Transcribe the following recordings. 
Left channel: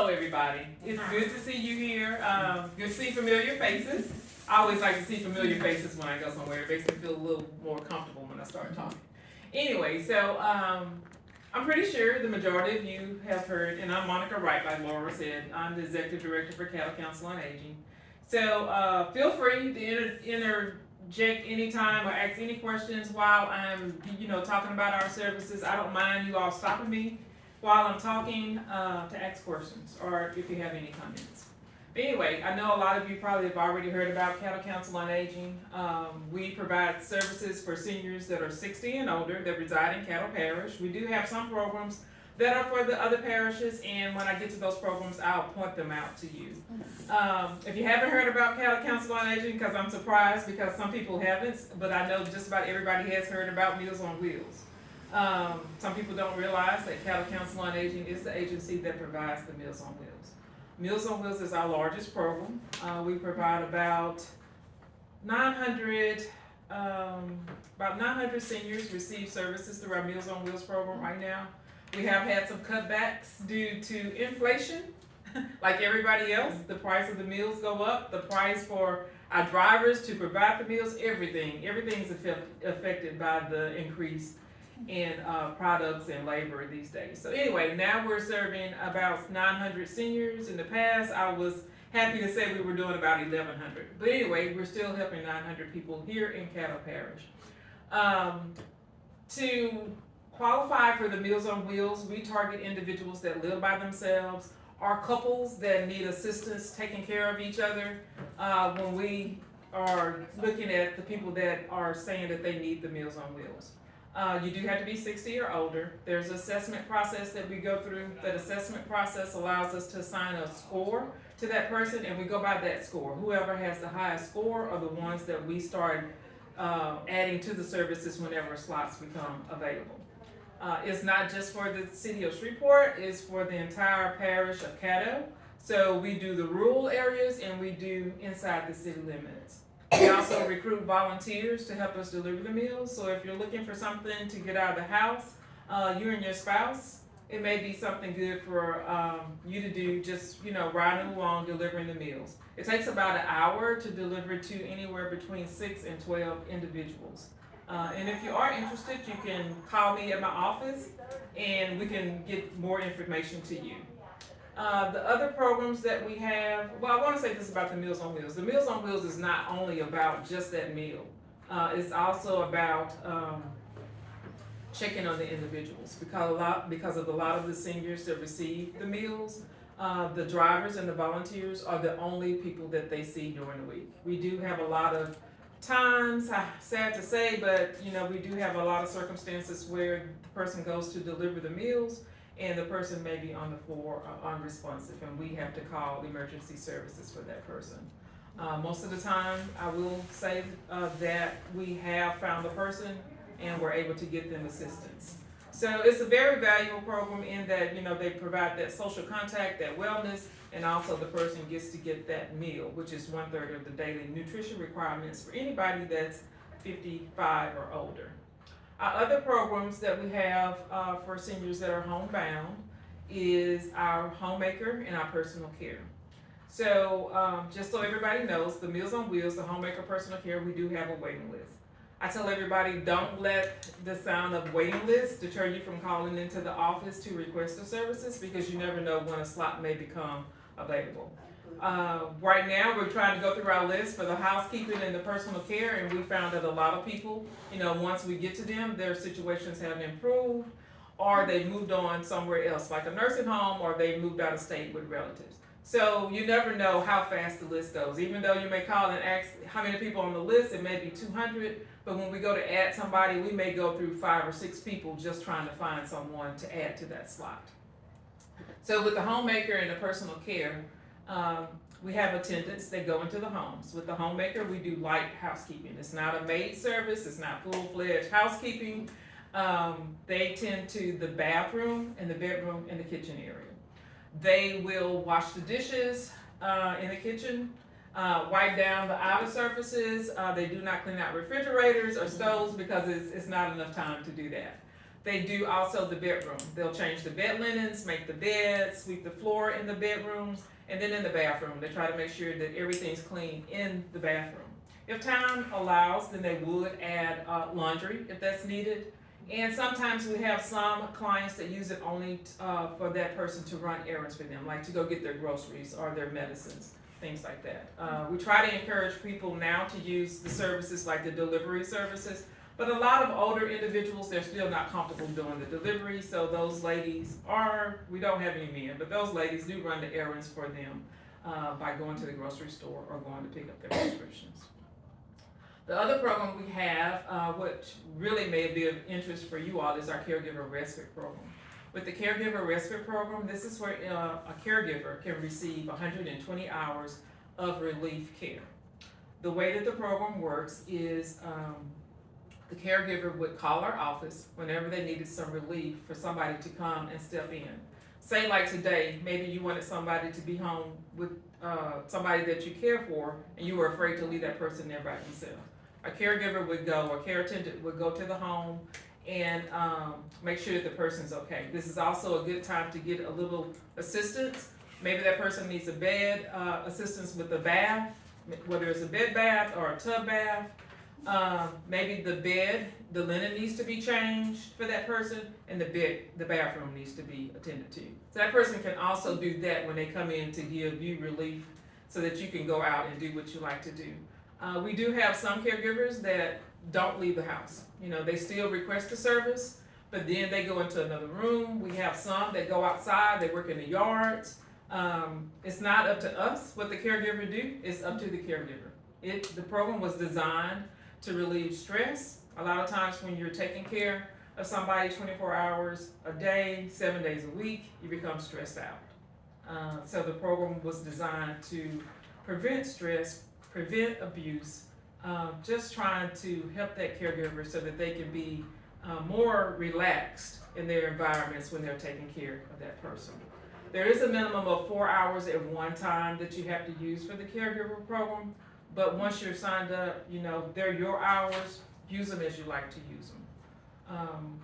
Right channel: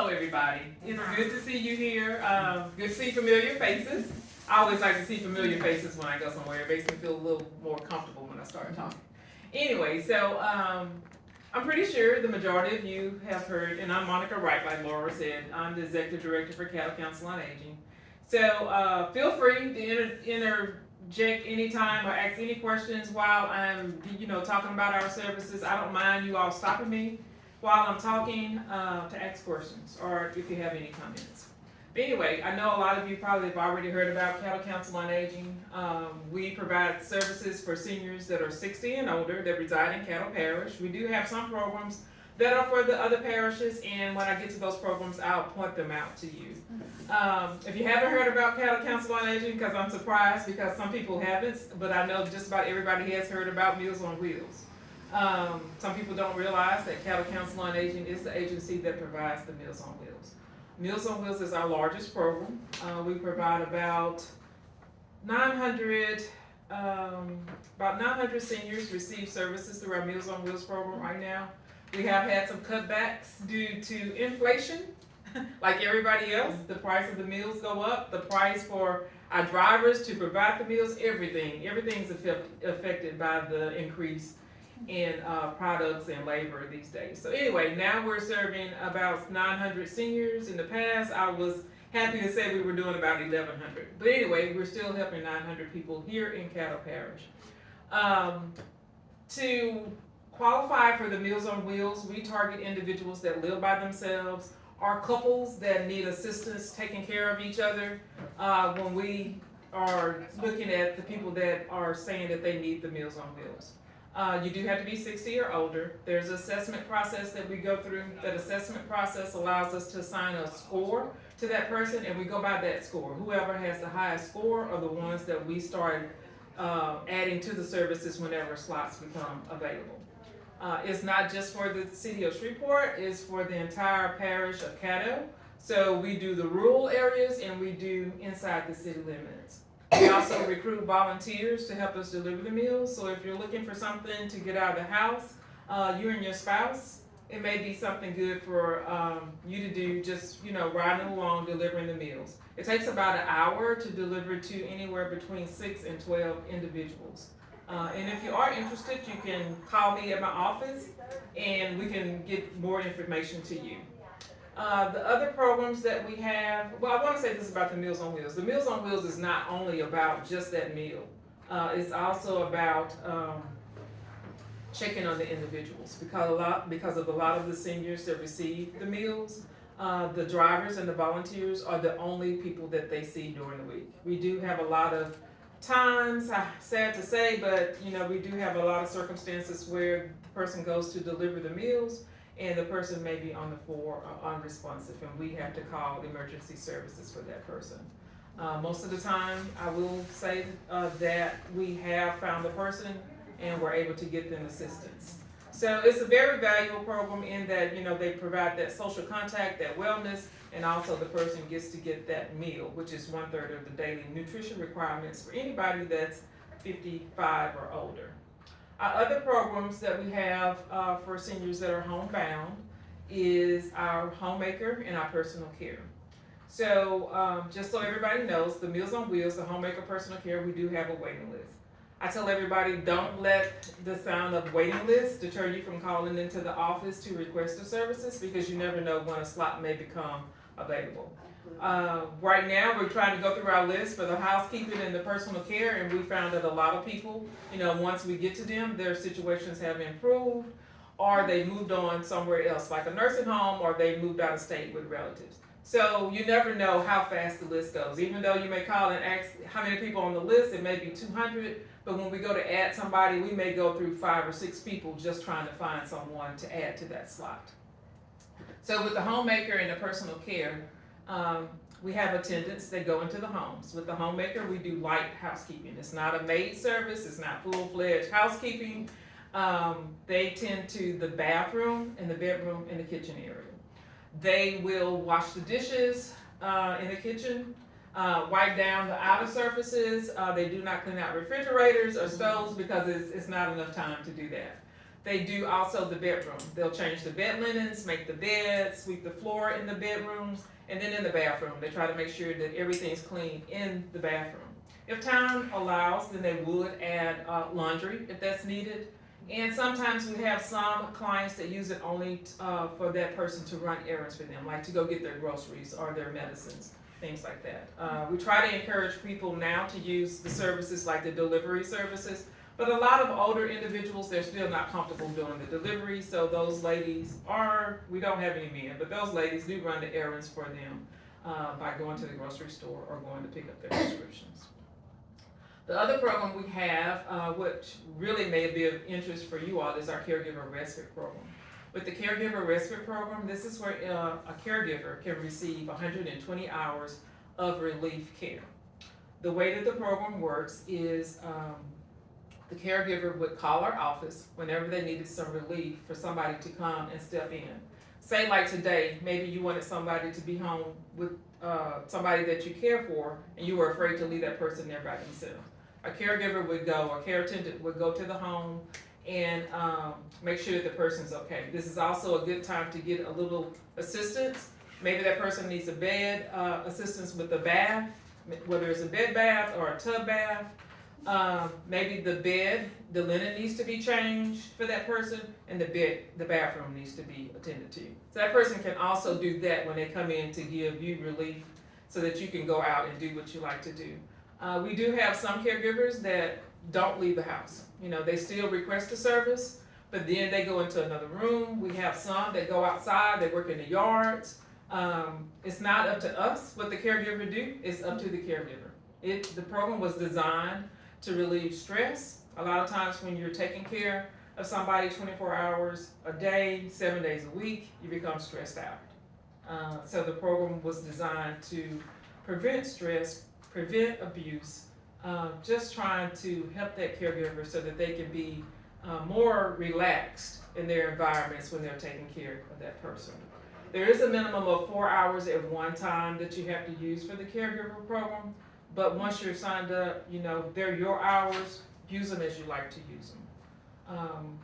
Hello, everybody. It's good to see you here. Good to see familiar faces. I always like to see familiar faces when I go somewhere. It makes me feel a little more comfortable when I start talking. Anyway, so I'm pretty sure the majority of you have heard, and I'm Monica Wright, like Laura said. I'm the Executive Director for Caddo Council on Aging. So feel free to interject anytime or ask any questions while I'm, talking about our services. I don't mind you all stopping me while I'm talking to ask questions or if you have any comments. But anyway, I know a lot of you probably have already heard about Caddo Council on Aging. We provide services for seniors that are 60 and older that reside in Caddo Parish. We do have some programs that are for the other parishes, and when I get to those programs, I'll point them out to you. If you haven't heard about Caddo Council on Aging, because I'm surprised because some people haven't, but I know just about everybody has heard about Meals on Wheels. Some people don't realize that Caddo Council on Aging is the agency that provides the Meals on Wheels. Meals on Wheels is our largest program. We provide about 900 seniors receive services through our Meals on Wheels program right now. We have had some cutbacks due to inflation. Like everybody else, the price of the meals go up. The price for our drivers to provide the meals, everything's affected by the increase in products and labor these days. So anyway, now we're serving about 900 seniors. In the past, I was happy to say we were doing about 1,100. But anyway, we're still helping 900 people here in Caddo Parish. To qualify for the Meals on Wheels, we target individuals that live by themselves or couples that need assistance taking care of each other when we are looking at the people that are saying that they need the Meals on Wheels. You do have to be 60 or older. There's an assessment process that we go through. That assessment process allows us to assign a score to that person, and we go by that score. Whoever has the highest score are the ones that we start adding to the services whenever slots become available. It's not just for the city of Shreveport, it's for the entire parish of Caddo. So we do the rural areas and we do inside the city limits. We also recruit volunteers to help us deliver the meals. So if you're looking for something to get out of the house, you and your spouse, it may be something good for you to do, just riding along delivering the meals. It takes about an hour to deliver to anywhere between 6 and 12 individuals. And if you are interested, you can call me at my office and we can get more information to you. The other programs that we have, well, I want to say this about the Meals on Wheels. The Meals on Wheels is not only about just that meal. It's also about checking on the individuals because of a lot of the seniors that receive the meals. The drivers and the volunteers are the only people that they see during the week. We do have a lot of times, sad to say, but we do have a lot of circumstances where the person goes to deliver the meals and the person may be on the floor unresponsive, and we have to call emergency services for that person. Most of the time, I will say that we have found the person and we're able to get them assistance. So it's a very valuable program in that they provide that social contact, that wellness, and also the person gets to get that meal, which is 1/3 of the daily nutrition requirements for anybody that's 55 or older. Our other programs that we have for seniors that are homebound is our homemaker and our personal care. So just so everybody knows, the Meals on Wheels, the homemaker personal care, we do have a waiting list. I tell everybody, don't let the sound of waiting list deter you from calling into the office to request the services, because you never know when a slot may become available. Right now, we're trying to go through our list for the housekeeping and the personal care, and we found that a lot of people, once we get to them, their situations have improved, or they moved on somewhere else, like a nursing home, or they moved out of state with relatives. So you never know how fast the list goes. Even though you may call and ask how many people on the list, it may be 200, but when we go to add somebody, we may go through 5 or 6 people just trying to find someone to add to that slot. So with the homemaker and the personal care, we have attendants that go into the homes. With the homemaker, we do light housekeeping. It's not a maid service, it's not full-fledged housekeeping. They tend to the bathroom and the bedroom and the kitchen area. They will wash the dishes in the kitchen, wipe down the outer surfaces. They do not clean out refrigerators or stoves because it's not enough time to do that. They do also the bedroom. They'll change the bed linens, make the beds, sweep the floor in the bedrooms, and then in the bathroom. They try to make sure that everything's clean in the bathroom. If time allows, then they would add laundry if that's needed. And sometimes we have some clients that use it only for that person to run errands for them, like to go get their groceries or their medicines, things like that. We try to encourage people now to use the services like the delivery services, but a lot of older individuals, they're still not comfortable doing the delivery, so those ladies we don't have any men, but those ladies do run the errands for them by going to the grocery store or going to pick up their prescriptions. The other program we have, which really may be of interest for you all, is our Caregiver Respite Program. With the Caregiver Respite Program, this is where a caregiver can receive 120 hours of relief care. The way that the program works is the caregiver would call our office whenever they needed some relief for somebody to come and step in. Say like today, maybe you wanted somebody to be home with somebody that you care for, and you were afraid to leave that person there by themselves. A caregiver would go, a care attendant would go to the home and make sure that the person's okay. This is also a good time to get a little assistance. Maybe that person needs a bed, assistance with a bath, whether it's a bed bath or a tub bath. Maybe the bed, the linen needs to be changed for that person, and the bathroom needs to be attended to. So that person can also do that when they come in to give you relief so that you can go out and do what you like to do. We do have some caregivers that don't leave the house. You know, they still request the service, but then they go into another room. We have some that go outside, they work in the yards. It's not up to us what the caregiver do, it's up to the caregiver. The program was designed to relieve stress. A lot of times when you're taking care of somebody 24 hours a day, 7 days a week, you become stressed out. So the program was designed to prevent stress, prevent abuse, just trying to help that caregiver so that they can be more relaxed in their environments when they're taking care of that person. There is a minimum of 4 hours at one time that you have to use for the caregiver program, but once you're signed up, you know, they're your hours, use them as you like to use them.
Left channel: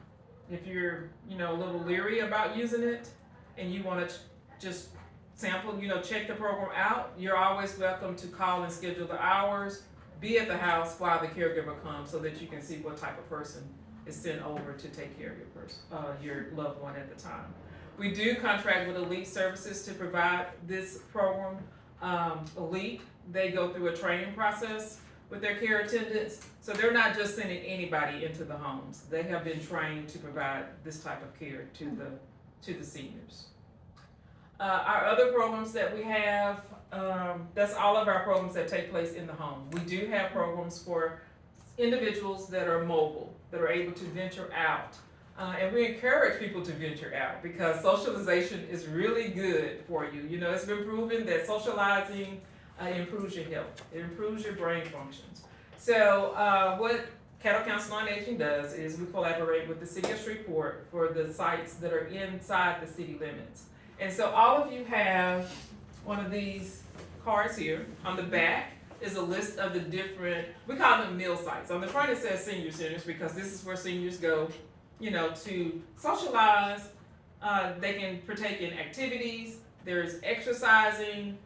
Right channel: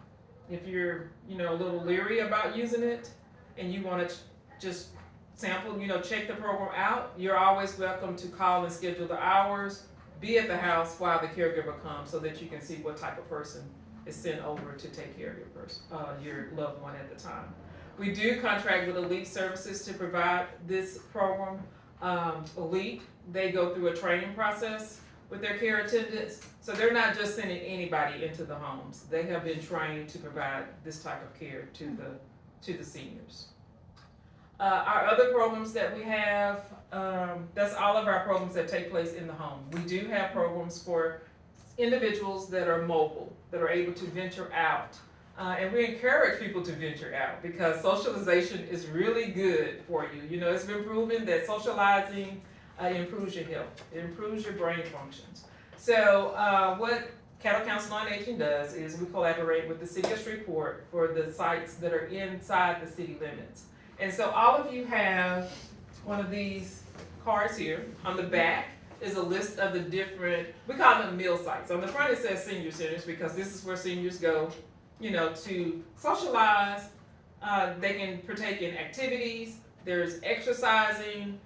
If you're, you know, a little leery about using it and you want to just sample, you know, check the program out, you're always welcome to call and schedule the hours, be at the house while the caregiver comes so that you can see what type of person is sent over to take care of your loved one at the time. We do contract with Elite Services to provide this program. Elite, they go through a training process with their care attendants, so they're not just sending anybody into the homes. They have been trained to provide this type of care to the seniors. Our other programs that we have, that's all of our programs that take place in the home. We do have programs for individuals that are mobile, that are able to venture out. And we encourage people to venture out because socialization is really good for you. You know, it's been proven that socializing improves your health, it improves your brain functions. So what Caddo Council on Aging does is we collaborate with the City of Shreveport for the sites that are inside the city limits. And so all of you have one of these cards here. On the back is a list of the different, we call them meal sites. On the front it says senior centers because this is where seniors go, you know, to socialize. They can partake in activities. There's exercising.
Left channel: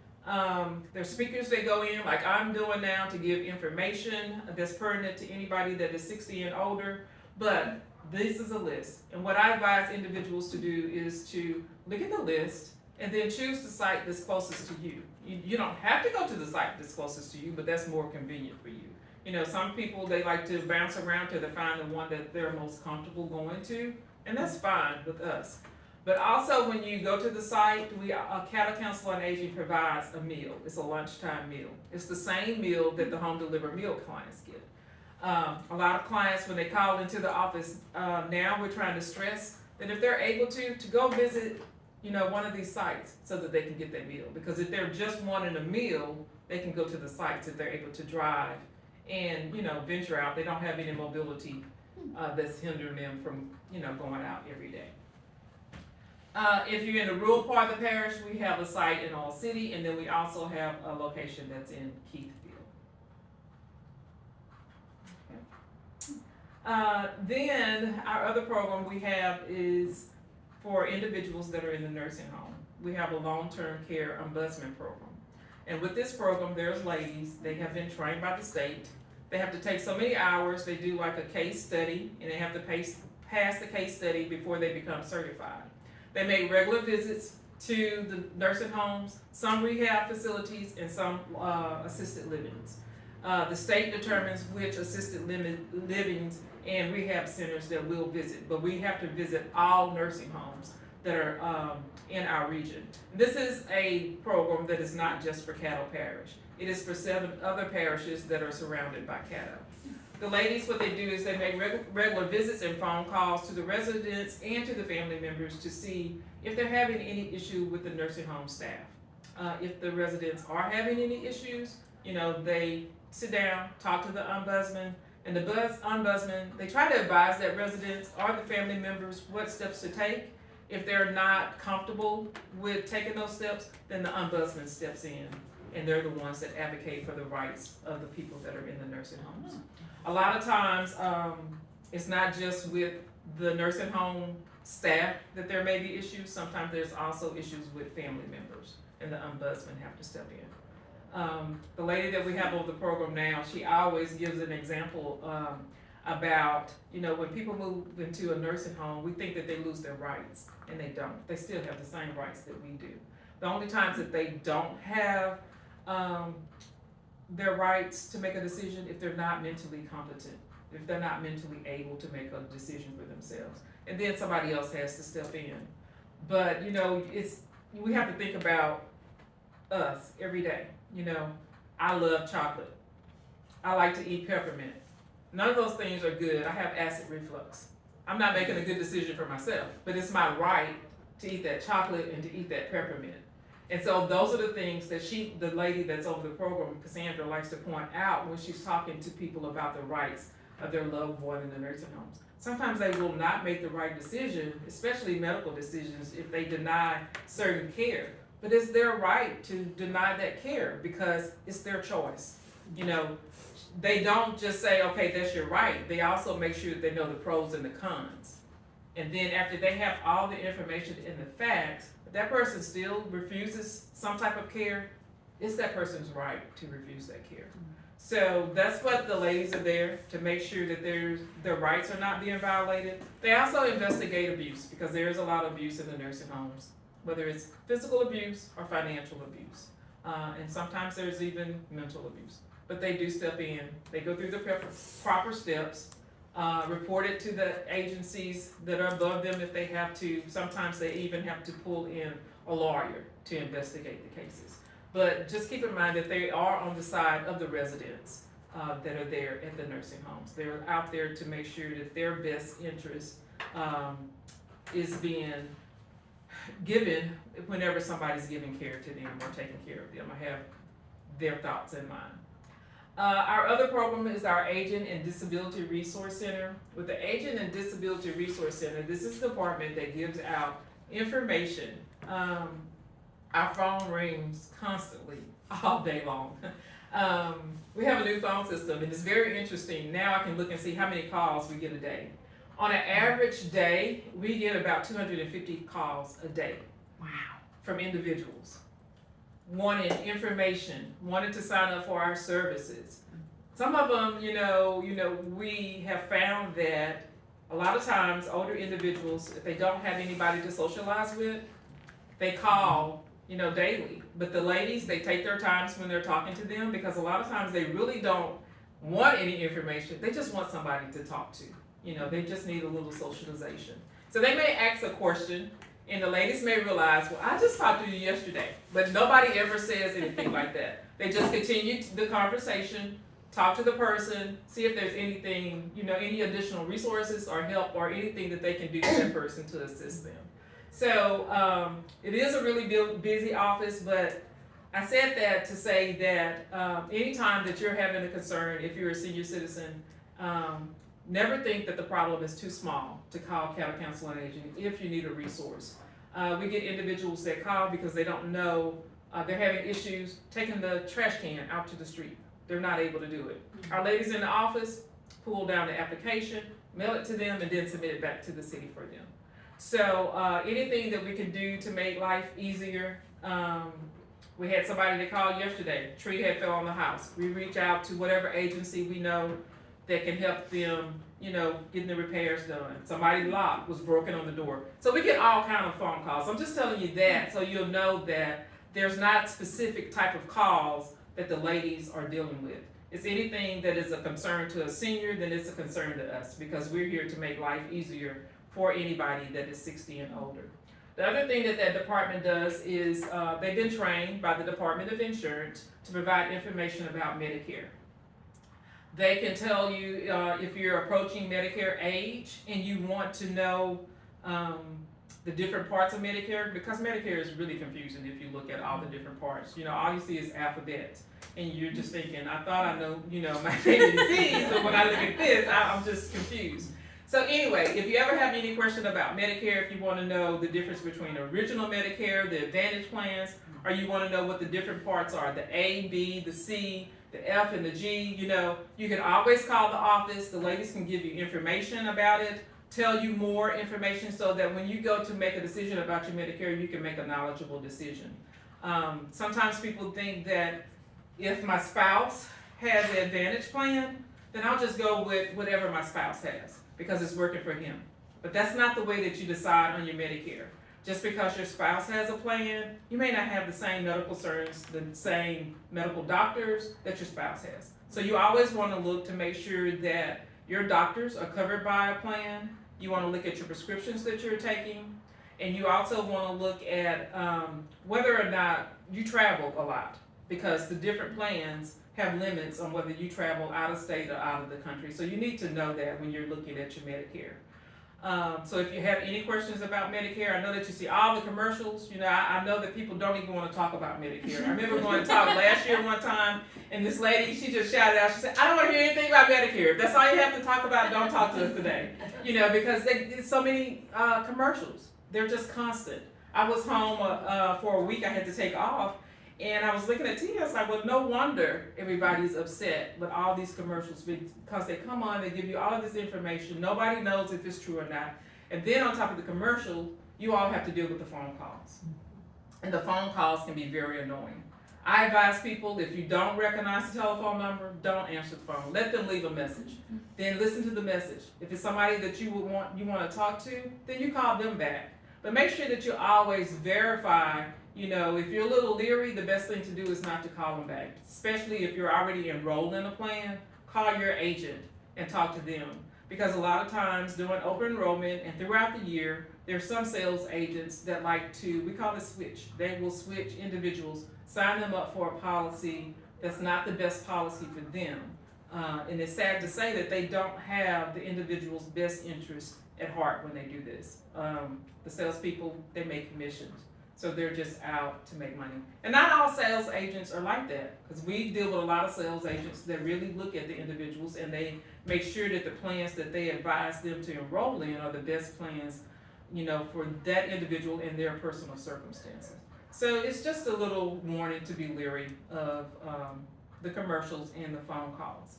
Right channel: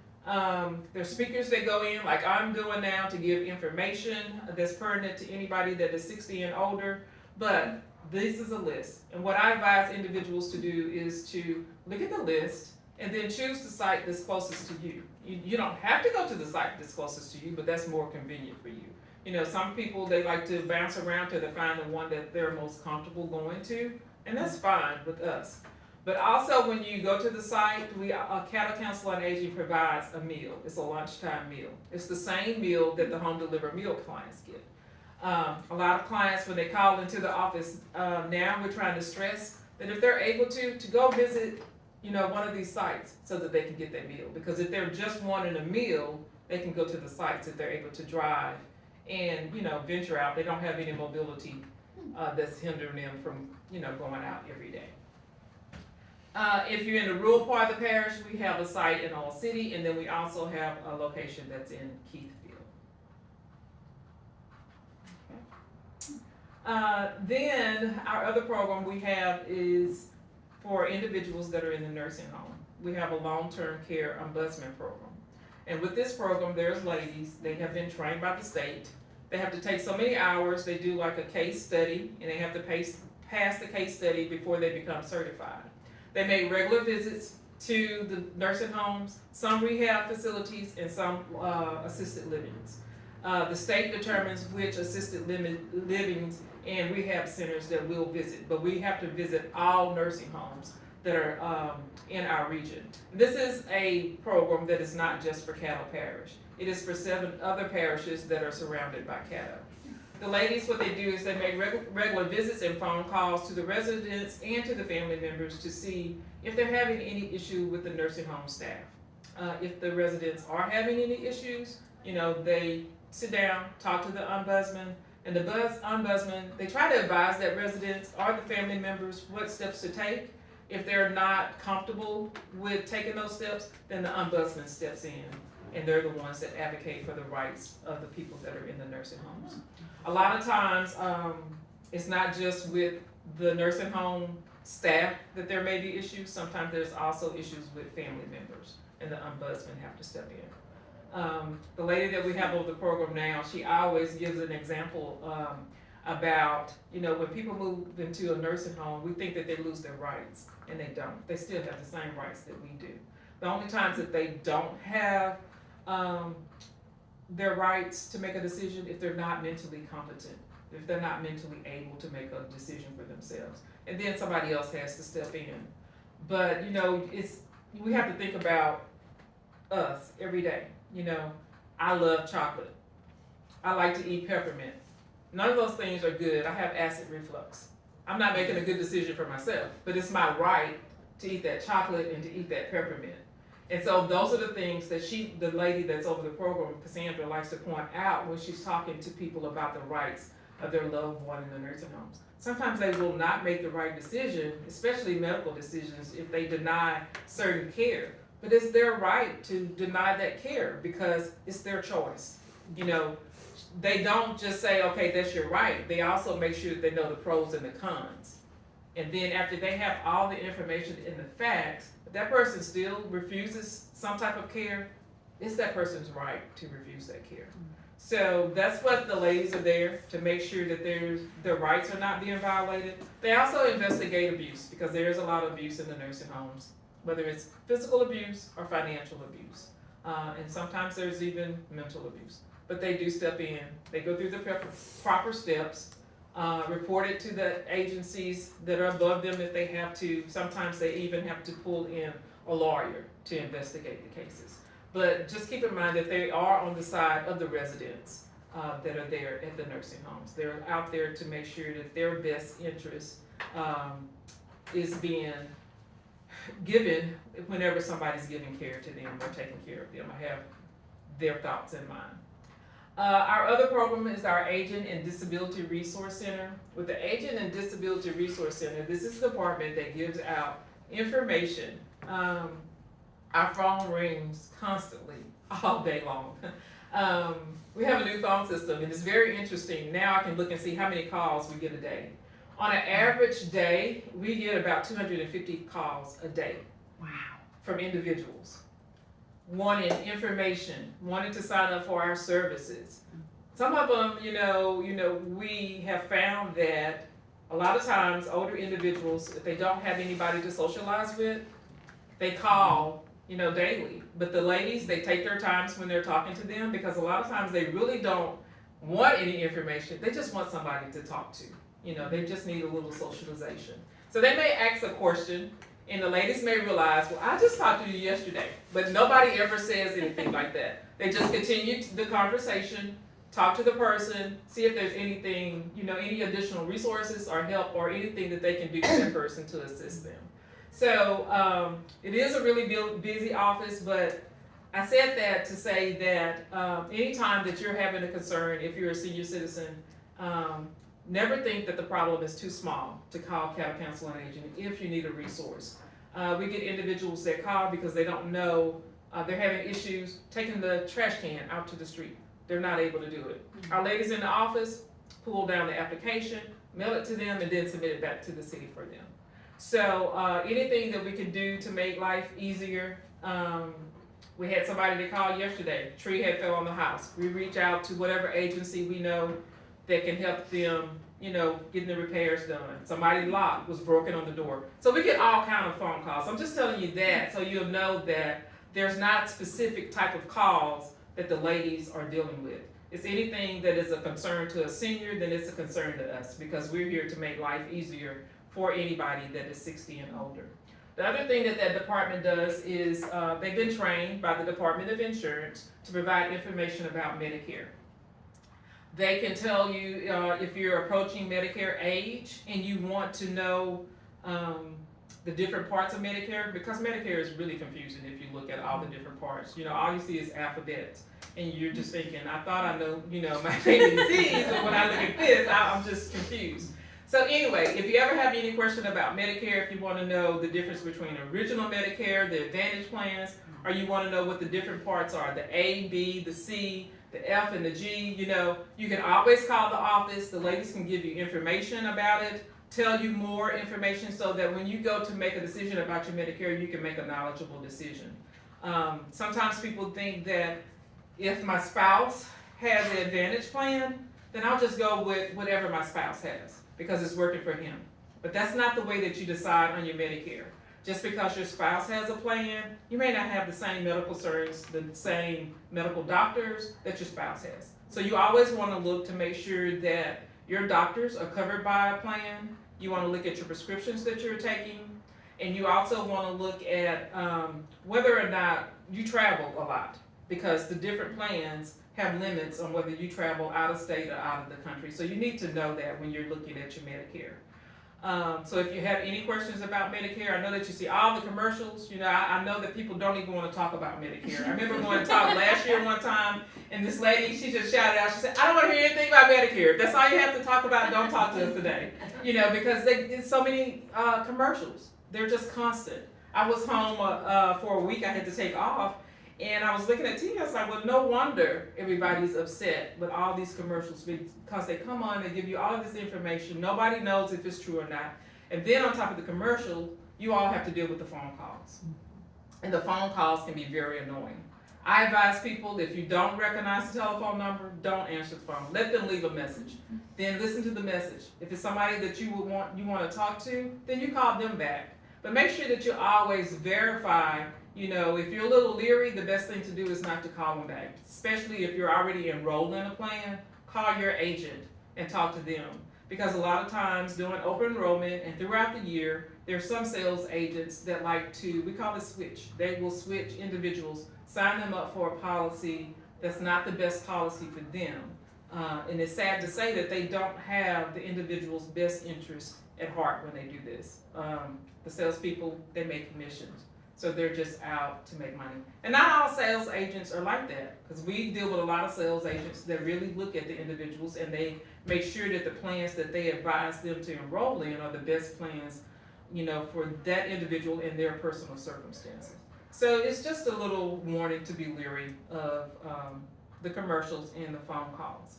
There's speakers that go in, like I'm doing now, to give information that's pertinent to anybody that is 60 and older. But this is a list. And what I advise individuals to do is to look at the list and then choose the site that's closest to you. You don't have to go to the site that's closest to you, but that's more convenient for you. You know, some people, they like to bounce around till they find the one that they're most comfortable going to, and that's fine with us. But also when you go to the site, Caddo Council on Aging provides a meal. It's a lunchtime meal. It's the same meal that the home delivered meal clients get. A lot of clients, when they call into the office, now we're trying to stress that if they're able to go visit, you know, one of these sites so that they can get that meal. Because if they're just wanting a meal, they can go to the sites if they're able to drive and, you know, venture out. They don't have any mobility that's hindering them from, you know, going out every day. If you're in the rural part of the parish, we have a site in All City, and then we also have a location that's in Keithfield. Okay. Then our other program we have is for individuals that are in the nursing home. We have a long-term care ombudsman program. And with this program, there's ladies, they have been trained by the state. They have to take so many hours, they do like a case study, and they have to pass the case study before they become certified. They make regular visits to the nursing homes, some rehab facilities, and some assisted livings. The state determines which assisted livings and rehab centers that we'll visit, but we have to visit all nursing homes that are in our region. This is a program that is not just for Caddo Parish. It is for 7 other parishes that are surrounded by Caddo. The ladies, what they do is they make regular visits and phone calls to the residents and to the family members to see if they're having any issue with the nursing home staff. If the residents are having any issues, they sit down, talk to the ombudsman, and the ombudsman, they try to advise that residents or the family members what steps to take. If they're not comfortable with taking those steps, then the ombudsman steps in, and they're the ones that advocate for the rights of the people that are in the nursing homes. A lot of times, it's not just with the nursing home staff that there may be issues. Sometimes there's also issues with family members, and the ombudsman have to step in. The lady that we have over the program now, she always gives an example about, when people move into a nursing home, we think that they lose their rights, and they don't. They still have the same rights that we do. The only times that they don't have their rights to make a decision if they're not mentally competent, if they're not mentally able to make a decision for themselves, and then somebody else has to step in. But we have to think about us every day. I love chocolate. I like to eat peppermint. None of those things are good. I have acid reflux. I'm not making a good decision for myself, but it's my right to eat that chocolate and to eat that peppermint. And so those are the things that the lady that's over the program, Cassandra, likes to point out when she's talking to people about the rights of their loved one in the nursing homes. Sometimes they will not make the right decision, especially medical decisions, if they deny certain care. But it's their right to deny that care because it's their choice. They don't just say, okay, that's your right. They also make sure that they know the pros and the cons. And then after they have all the information and the facts, if that person still refuses some type of care, it's that person's right to refuse that care. So that's what the ladies are there to make sure that their rights are not being violated. They also investigate abuse because there is a lot of abuse in the nursing homes, whether it's physical abuse or financial abuse. And sometimes there's even mental abuse. But they do step in, they go through the proper steps, report it to the agencies that are above them if they have to. Sometimes they even have to pull in a lawyer to investigate the cases. But just keep in mind that they are on the side of the residents that are there at the nursing homes. They're out there to make sure that their best interest is being given whenever somebody's giving care to them or taking care of them. I have their thoughts in mind. Our other program is our Aging and Disability Resource Center. With the Aging and Disability Resource Center, this is the department that gives out information. Our phone rings constantly, all day long. We have a new phone system, and it's very interesting. Now I can look and see how many calls we get a day. On an average day, we get about 250 calls a day. Wow. From individuals wanting information, wanting to sign up for our services. Some of them, we have found that a lot of times older individuals, if they don't have anybody to socialize with, they call, daily. But the ladies, they take their times when they're talking to them because a lot of times they really don't want any information. They just want somebody to talk to. They just need a little socialization. So they may ask a question, and the ladies may realize, well, I just talked to you yesterday, but nobody ever says anything like that. They just continue the conversation, talk to the person, see if there's anything, any additional resources or help or anything that they can do for that person to assist them. So it is a really busy office, but I said that to say that anytime that you're having a concern, if you're a senior citizen, never think that the problem is too small to call Caddo Council on Aging if you need a resource. We get individuals that call because they don't know, they're having issues taking the trash can out to the street. They're not able to do it. Our ladies in the office, pull down the application, mail it to them, and then submit it back to the city for them. So anything that we can do to make life easier. We had somebody that called yesterday, tree had fell on the house. We reach out to whatever agency we know that can help them, getting the repairs done. Somebody's lock was broken on the door. So we get all kind of phone calls. I'm just telling you that so you'll know that there's not specific type of calls that the ladies are dealing with. It's anything that is a concern to a senior, then it's a concern to us, because we're here to make life easier for anybody that is 60 and older. The other thing that department does is they've been trained by the Department of Insurance to provide information about Medicare. They can tell you if you're approaching Medicare age and you want to know the different parts of Medicare, because Medicare is really confusing if you look at all the different parts. All you see is alphabets, and you're just thinking, I thought I know, my ABCs, but when I look at this, I'm just confused. So anyway, if you ever have any question about Medicare, if you want to know the difference between original Medicare, the Advantage plans, or you want to know what the different parts are, the A, B, the C, the F, and the G, you can always call the office. The ladies can give you information about it, tell you more information, so that when you go to make a decision about your Medicare, you can make a knowledgeable decision. Sometimes people think that if my spouse has the Advantage plan, then I'll just go with whatever my spouse has, because it's working for him. But that's not the way that you decide on your Medicare. Just because your spouse has a plan, you may not have the same medical concerns, the same medical doctors that your spouse has. So you always want to look to make sure that your doctors are covered by a plan. You want to look at your prescriptions that you're taking. And you also want to look at whether or not you travel a lot, because the different plans have limits on whether you travel out of state or out of the country. So you need to know that when you're looking at your Medicare. So if you have any questions about Medicare, I know that you see all the commercials. I know that people don't even want to talk about Medicare. I remember going to talk last year one time, and this lady, she just shouted out, she said, I don't want to hear anything about Medicare. If that's all you have to talk about, don't talk to us today. Because there's so many commercials. They're just constant. I was home for a week. I had to take off. And I was looking at TV, I was like, well, no wonder everybody's upset with all these commercials, because they come on, they give you all of this information. Nobody knows if it's true or not. And then on top of the commercial, you all have to deal with the phone calls. And the phone calls can be very annoying. I advise people, if you don't recognize the telephone number, don't answer the phone. Let them leave a message. Then listen to the message. If it's somebody that you want to talk to, then you call them back. But make sure that you always verify. If you're a little leery, the best thing to do is not to call them back. Especially if you're already enrolled in a plan, call your agent and talk to them. Because a lot of times during open enrollment and throughout the year, there are some sales agents that like to, we call it switch. They will switch individuals, sign them up for a policy that's not the best policy for them. And it's sad to say that they don't have the individual's best interest at heart when they do this. The salespeople, they make commissions. So they're just out to make money. And not all sales agents are like that, because we deal with a lot of sales agents that really look at the individuals and they make sure that the plans that they advise them to enroll in are the best plans, for that individual and their personal circumstances. So it's just a little warning to be leery of the commercials and the phone calls.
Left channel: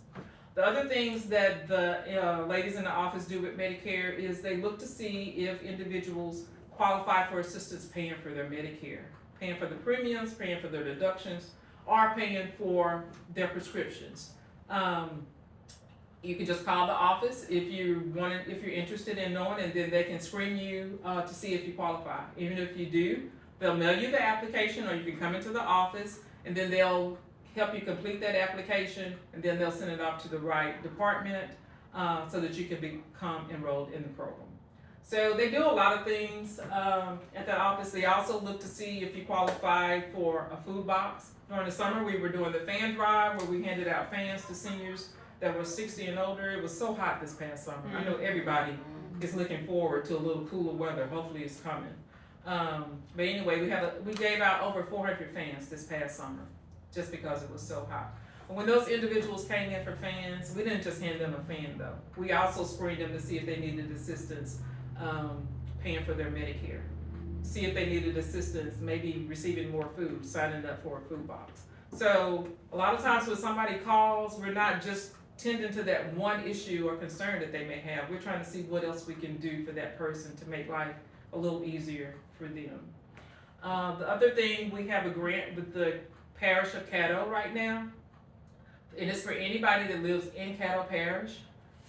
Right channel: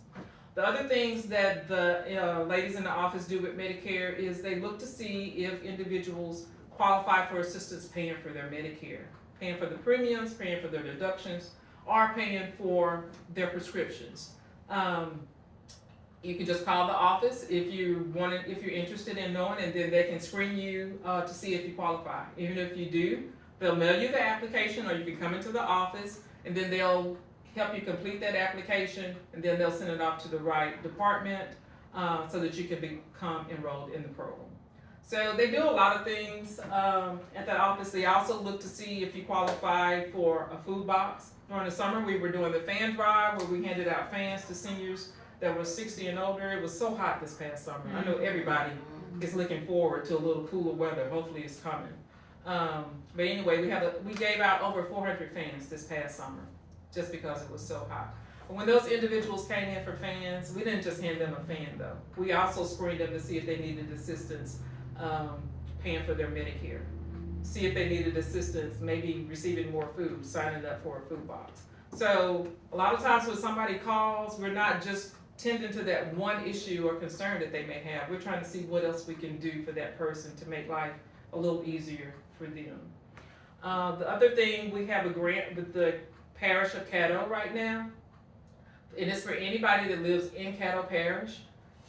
The other things that the ladies in the office do with Medicare is they look to see if individuals qualify for assistance paying for their Medicare, paying for the premiums, paying for their deductions, or paying for their prescriptions. You can just call the office if you're interested in knowing, and then they can screen you to see if you qualify. Even if you do, they'll mail you the application, or you can come into the office, and then they'll help you complete that application, and then they'll send it off to the right department so that you can become enrolled in the program. So they do a lot of things at that office. They also look to see if you qualify for a food box. During the summer, we were doing the fan drive where we handed out fans to seniors that were 60 and older. It was so hot this past summer. I know everybody is looking forward to a little cooler weather. Hopefully it's coming. But anyway, we gave out over 400 fans this past summer just because it was so hot. But when those individuals came in for fans, we didn't just hand them a fan though. We also screened them to see if they needed assistance paying for their Medicare. See if they needed assistance, maybe receiving more food, signing up for a food box. So a lot of times when somebody calls, we're not just tending to that one issue or concern that they may have. We're trying to see what else we can do for that person to make life a little easier for them. The other thing, we have a grant with the parish of Caddo right now. And it's for anybody that lives in Caddo Parish.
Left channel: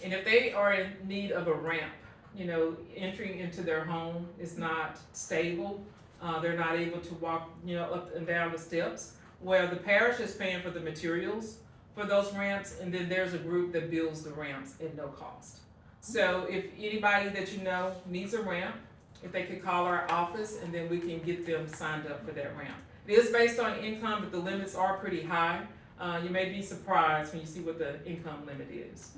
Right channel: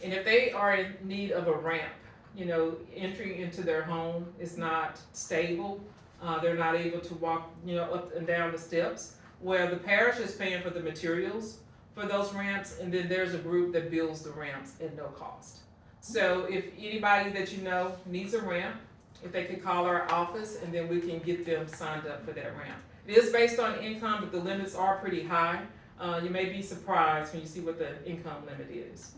And if they are in need of a ramp, you know, entering into their home is not stable. They're not able to walk, you know, up and down the steps. Well, the parish is paying for the materials for those ramps, and then there's a group that builds the ramps at no cost. So if anybody that you know needs a ramp, if they could call our office, and then we can get them signed up for that ramp. It is based on income, but the limits are pretty high. You may be surprised when you see what the income limit is.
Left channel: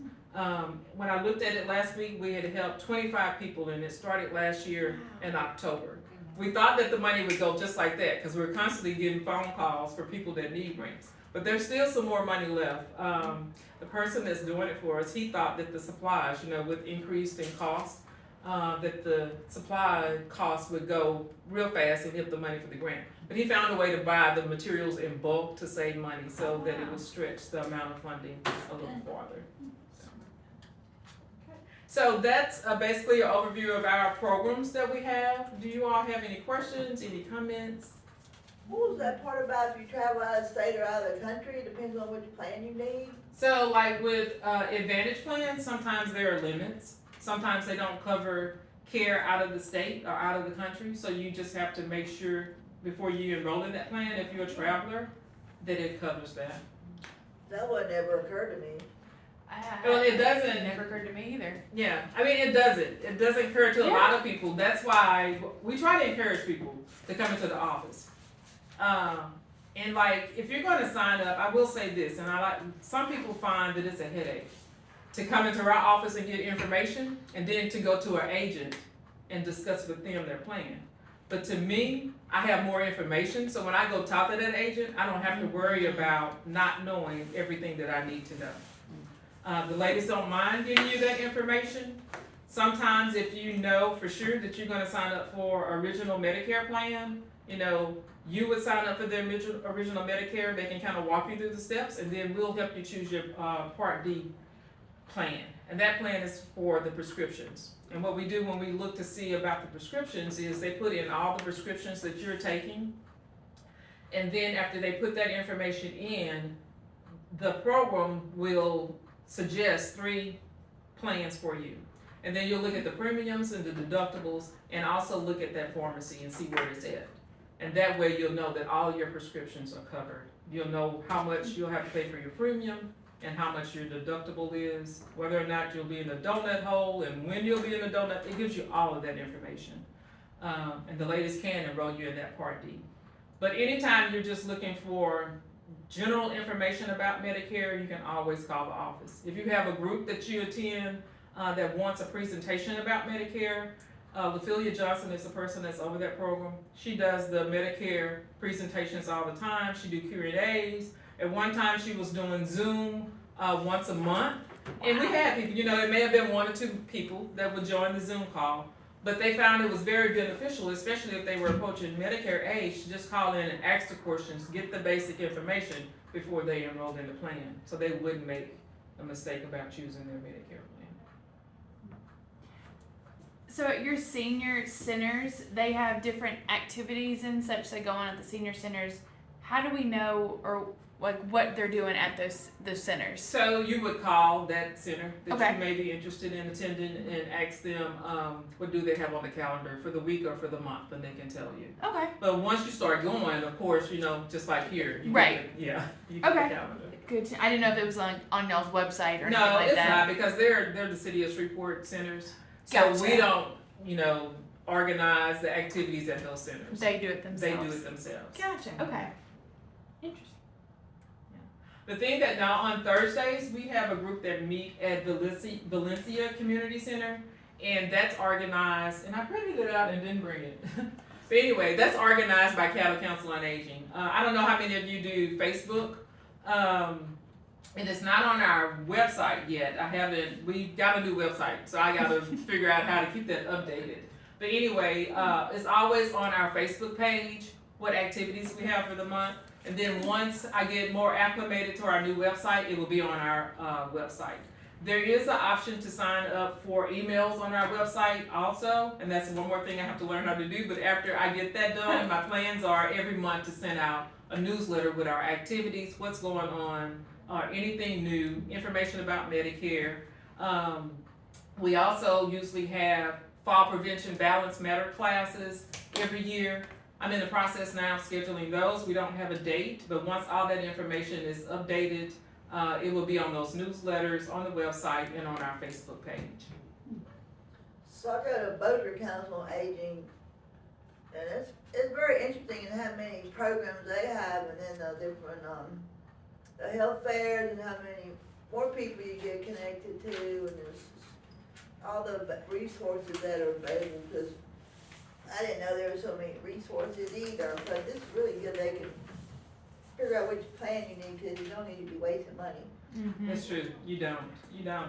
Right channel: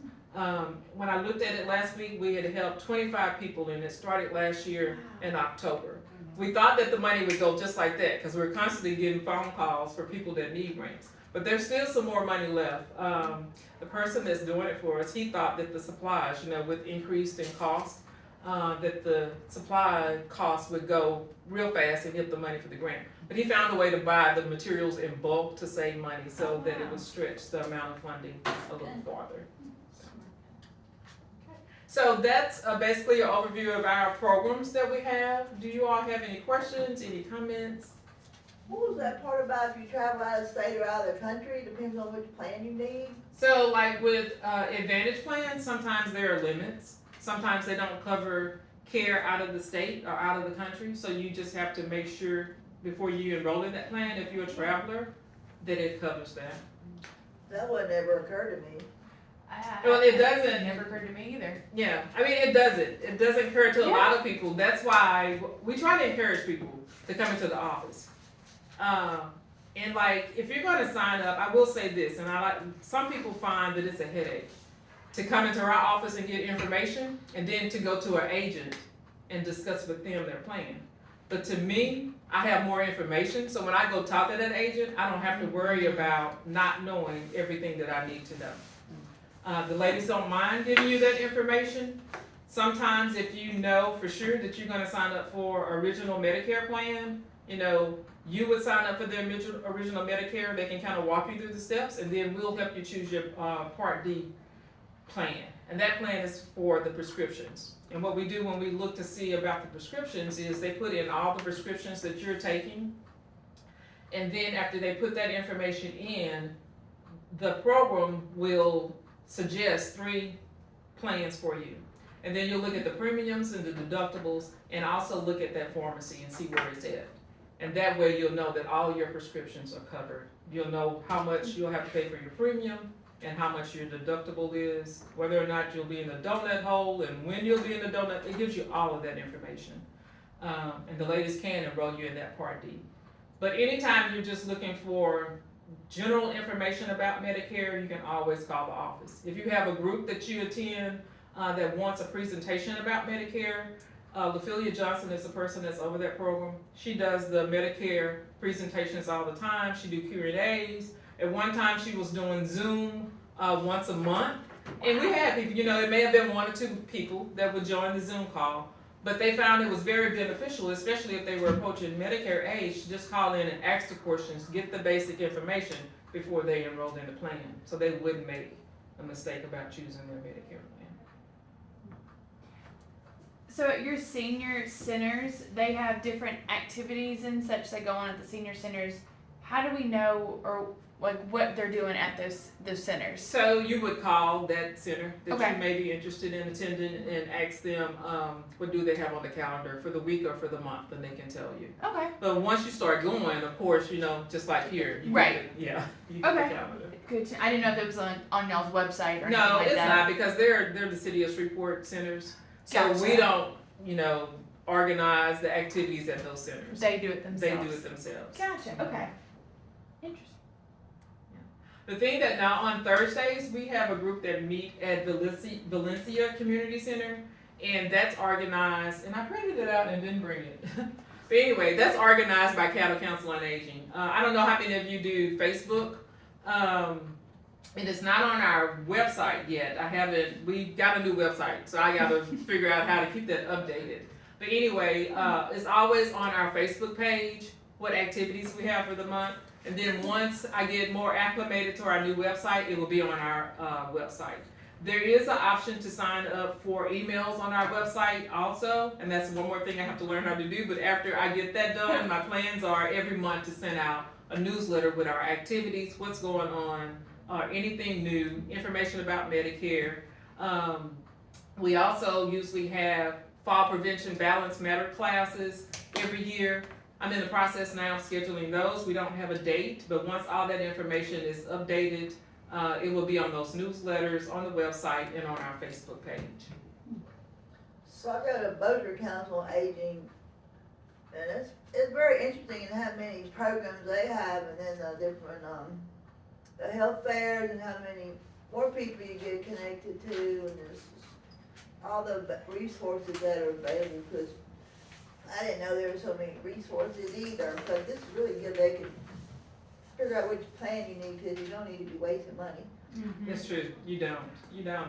When I looked at it last week, we had helped 25 people, and it started last year in October. We thought that the money would go just like that, because we're constantly getting phone calls for people that need ramps. But there's still some more money left. The person that's doing it for us, he thought that the supplies, you know, with increased in cost, that the supply costs would go real fast and get the money for the grant. But he found a way to buy the materials in bulk to save money, so that it would stretch the amount of funding a little farther. So that's basically an overview of our programs that we have. Do you all have any questions, any comments? What was that part about if you travel out of state or out of the country? Depends on which plan you need. So like with Advantage plans, sometimes there are limits. Sometimes they don't cover care out of the state or out of the country. So you just have to make sure before you enroll in that plan, if you're a traveler, that it covers that. That would never occur to me. Well, it doesn't. Never occurred to me either. Yeah, I mean, it doesn't. It doesn't occur to a lot of people. That's why we try to encourage people to come into the office. And like, if you're going to sign up, I will say this, and some people find that it's a headache to come into our office and get information, and then to go to an agent and discuss with them their plan. But to me, I have more information, so when I go talk to that agent, I don't have to worry about not knowing everything that I need to know. The ladies don't mind giving you that information. Sometimes if you know for sure that you're gonna sign up for original Medicare plan, you know, you would sign up for the original Medicare. They can kind of walk you through the steps, and then we'll help you choose your Part D plan. And that plan is for the prescriptions. And what we do when we look to see about the prescriptions is they put in all the prescriptions that you're taking. And then after they put that information in, the program will suggest 3 plans for you. And then you'll look at the premiums and the deductibles, and also look at that pharmacy and see where it's at. And that way you'll know that all your prescriptions are covered. You'll know how much you'll have to pay for your premium and how much your deductible is, whether or not you'll be in the donut hole and when you'll be in the donut. It gives you all of that information. And the ladies can enroll you in that Part D. But anytime you're just looking for general information about Medicare, you can always call the office. If you have a group that you attend that wants a presentation about Medicare, Ophelia Johnson is the person that's over that program. She does the Medicare presentations all the time. She do Q&As. At one time she was doing Zoom once a month. And we had people, you know, it may have been 1 or 2 people that would join the Zoom call, but they found it was very beneficial, especially if they were approaching Medicare age, to just call in and ask the questions, get the basic information before they enrolled in the plan, so they wouldn't make a mistake about choosing their Medicare plan. So at your senior centers, they have different activities and such that go on at the senior centers. How do we know, or like what they're doing at those centers? So you would call that center that Okay. you may be interested in attending and ask them what do they have on the calendar for the week or for the month, and they can tell you. Okay. But once you start going, of course, you know, just like here, you Right. get the, yeah, you get Okay. the calendar. Good. I didn't know if it was on y'all's website or anything No, like it's that. not, because they're the city of Shreveport centers, so Gotcha. we don't, you know, organize the activities at those centers. They do it themselves. They do it themselves. Gotcha. Okay. Interesting. The thing that now on Thursdays, we have a group that meet at Valencia Community Center, and that's organized, and I printed it out and didn't bring it. But anyway, that's organized by Caddo Council on Aging. I don't know how many of you do Facebook. And it's not on our website yet. We got a new website, so I gotta figure out how to keep that updated. But anyway, it's always on our Facebook page, what activities we have for the month. And then once I get more acclimated to our new website, it will be on our website. There is an option to sign up for emails on our website also, and that's one more thing I have to learn how to do. But after I get that done, my plans are every month to send out a newsletter with our activities, what's going on, anything new, information about Medicare. We also usually have fall prevention balance matter classes every year. I'm in the process now of scheduling those. We don't have a date, but once all that information is updated, it will be on those newsletters, on the website, and on our Facebook page. So I go to Bossier Council on Aging, and it's very interesting in how many programs they have, and then the different, the health fairs, and how many more people you get connected to, and there's all the resources that are available, because I didn't know there were so many resources either, but this is really good. They can figure out which plan you need, because you don't need to be wasting money. Mhm. That's true. You don't. You know,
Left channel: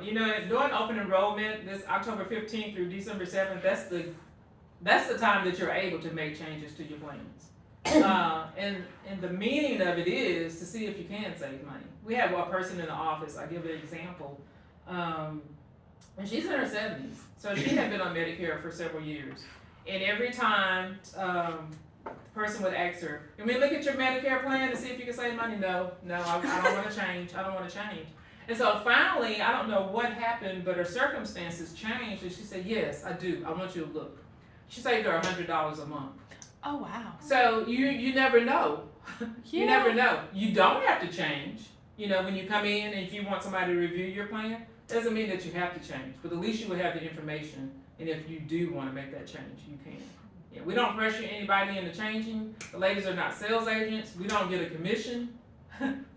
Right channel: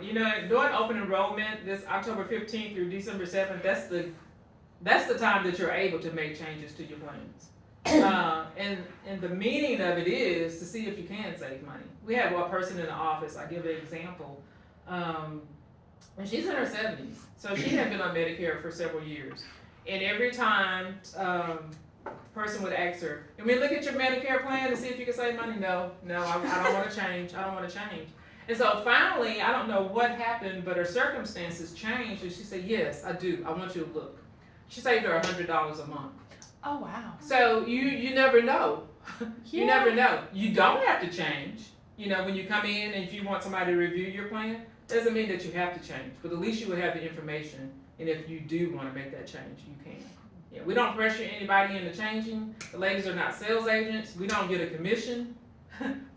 during open enrollment, this October 15th through December 7th, that's the time that you're able to make changes to your plans. And the meaning of it is to see if you can save money. We have one person in the office. I give an example. And she's in her 70s, so she had been on Medicare for several years. And every time the person would ask her, "Can we look at your Medicare plan to see if you can save money?" No, I don't want to change. I don't want to change. And so finally, I don't know what happened, but her circumstances changed, and she said, "Yes, I do. I want you to look." She saved her $100 a month. Oh wow. So you never know. You Yeah. never know. You don't have to change. You know, when you come in and if you want somebody to review your plan, doesn't mean that you have to change, but at least you will have the information. And if you do want to make that change, you can. Yeah, we don't pressure anybody into changing. The ladies are not sales agents. We don't get a commission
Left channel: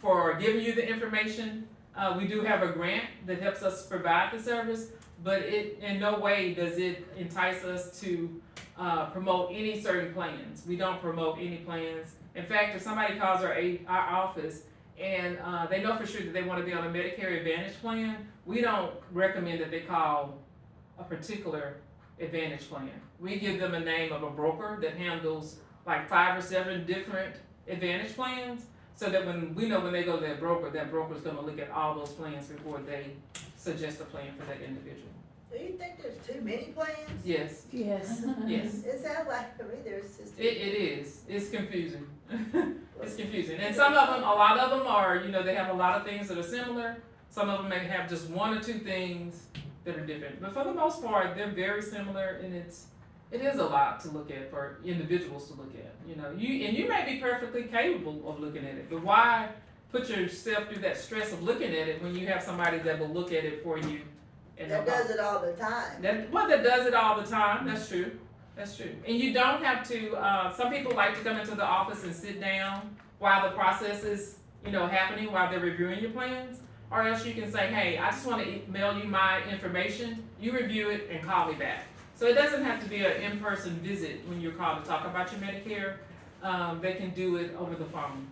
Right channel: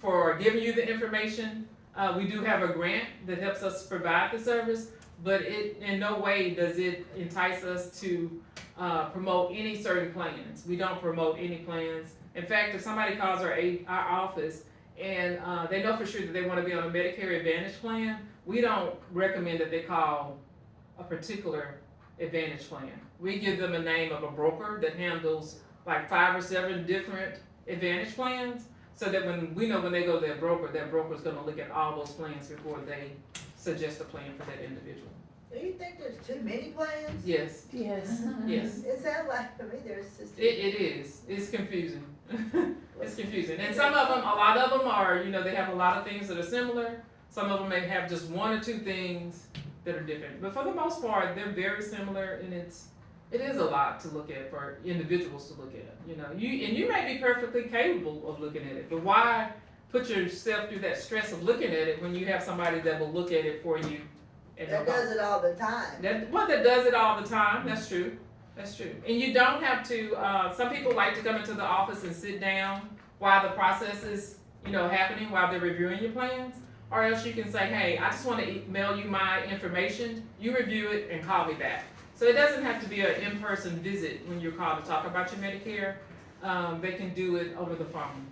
for giving you the information. We do have a grant that helps us provide the service, but it in no way does it entice us to promote any certain plans. We don't promote any plans. In fact, if somebody calls our office and they know for sure that they want to be on a Medicare Advantage plan, we don't recommend that they call a particular Advantage plan. We give them a name of a broker that handles like 5 or 7 different Advantage plans, so that when they go to that broker's gonna look at all those plans before they suggest a plan for that individual. Do you think there's too many plans? Yes, Yes. yes. It sounds like to me there's just. It is. It's confusing. It's confusing. And some of them, a lot of them are, they have a lot of things that are similar. Some of them may have just 1 or 2 things that are different. But for the most part, they're very similar, and it is a lot to look at for individuals to look at. You may be perfectly capable of looking at it, but why put yourself through that stress of looking at it when you have somebody that will look at it for you? And That does it all the time. that does it all the time. That's true. That's true. And you don't have to, some people like to come into the office and sit down while the process is, happening, while they're reviewing your plans. Or else you can say, "Hey, I just want to email you my information. You review it and call me back." So it doesn't have to be an in-person visit when you're called to talk about your Medicare. They can do it over the phone.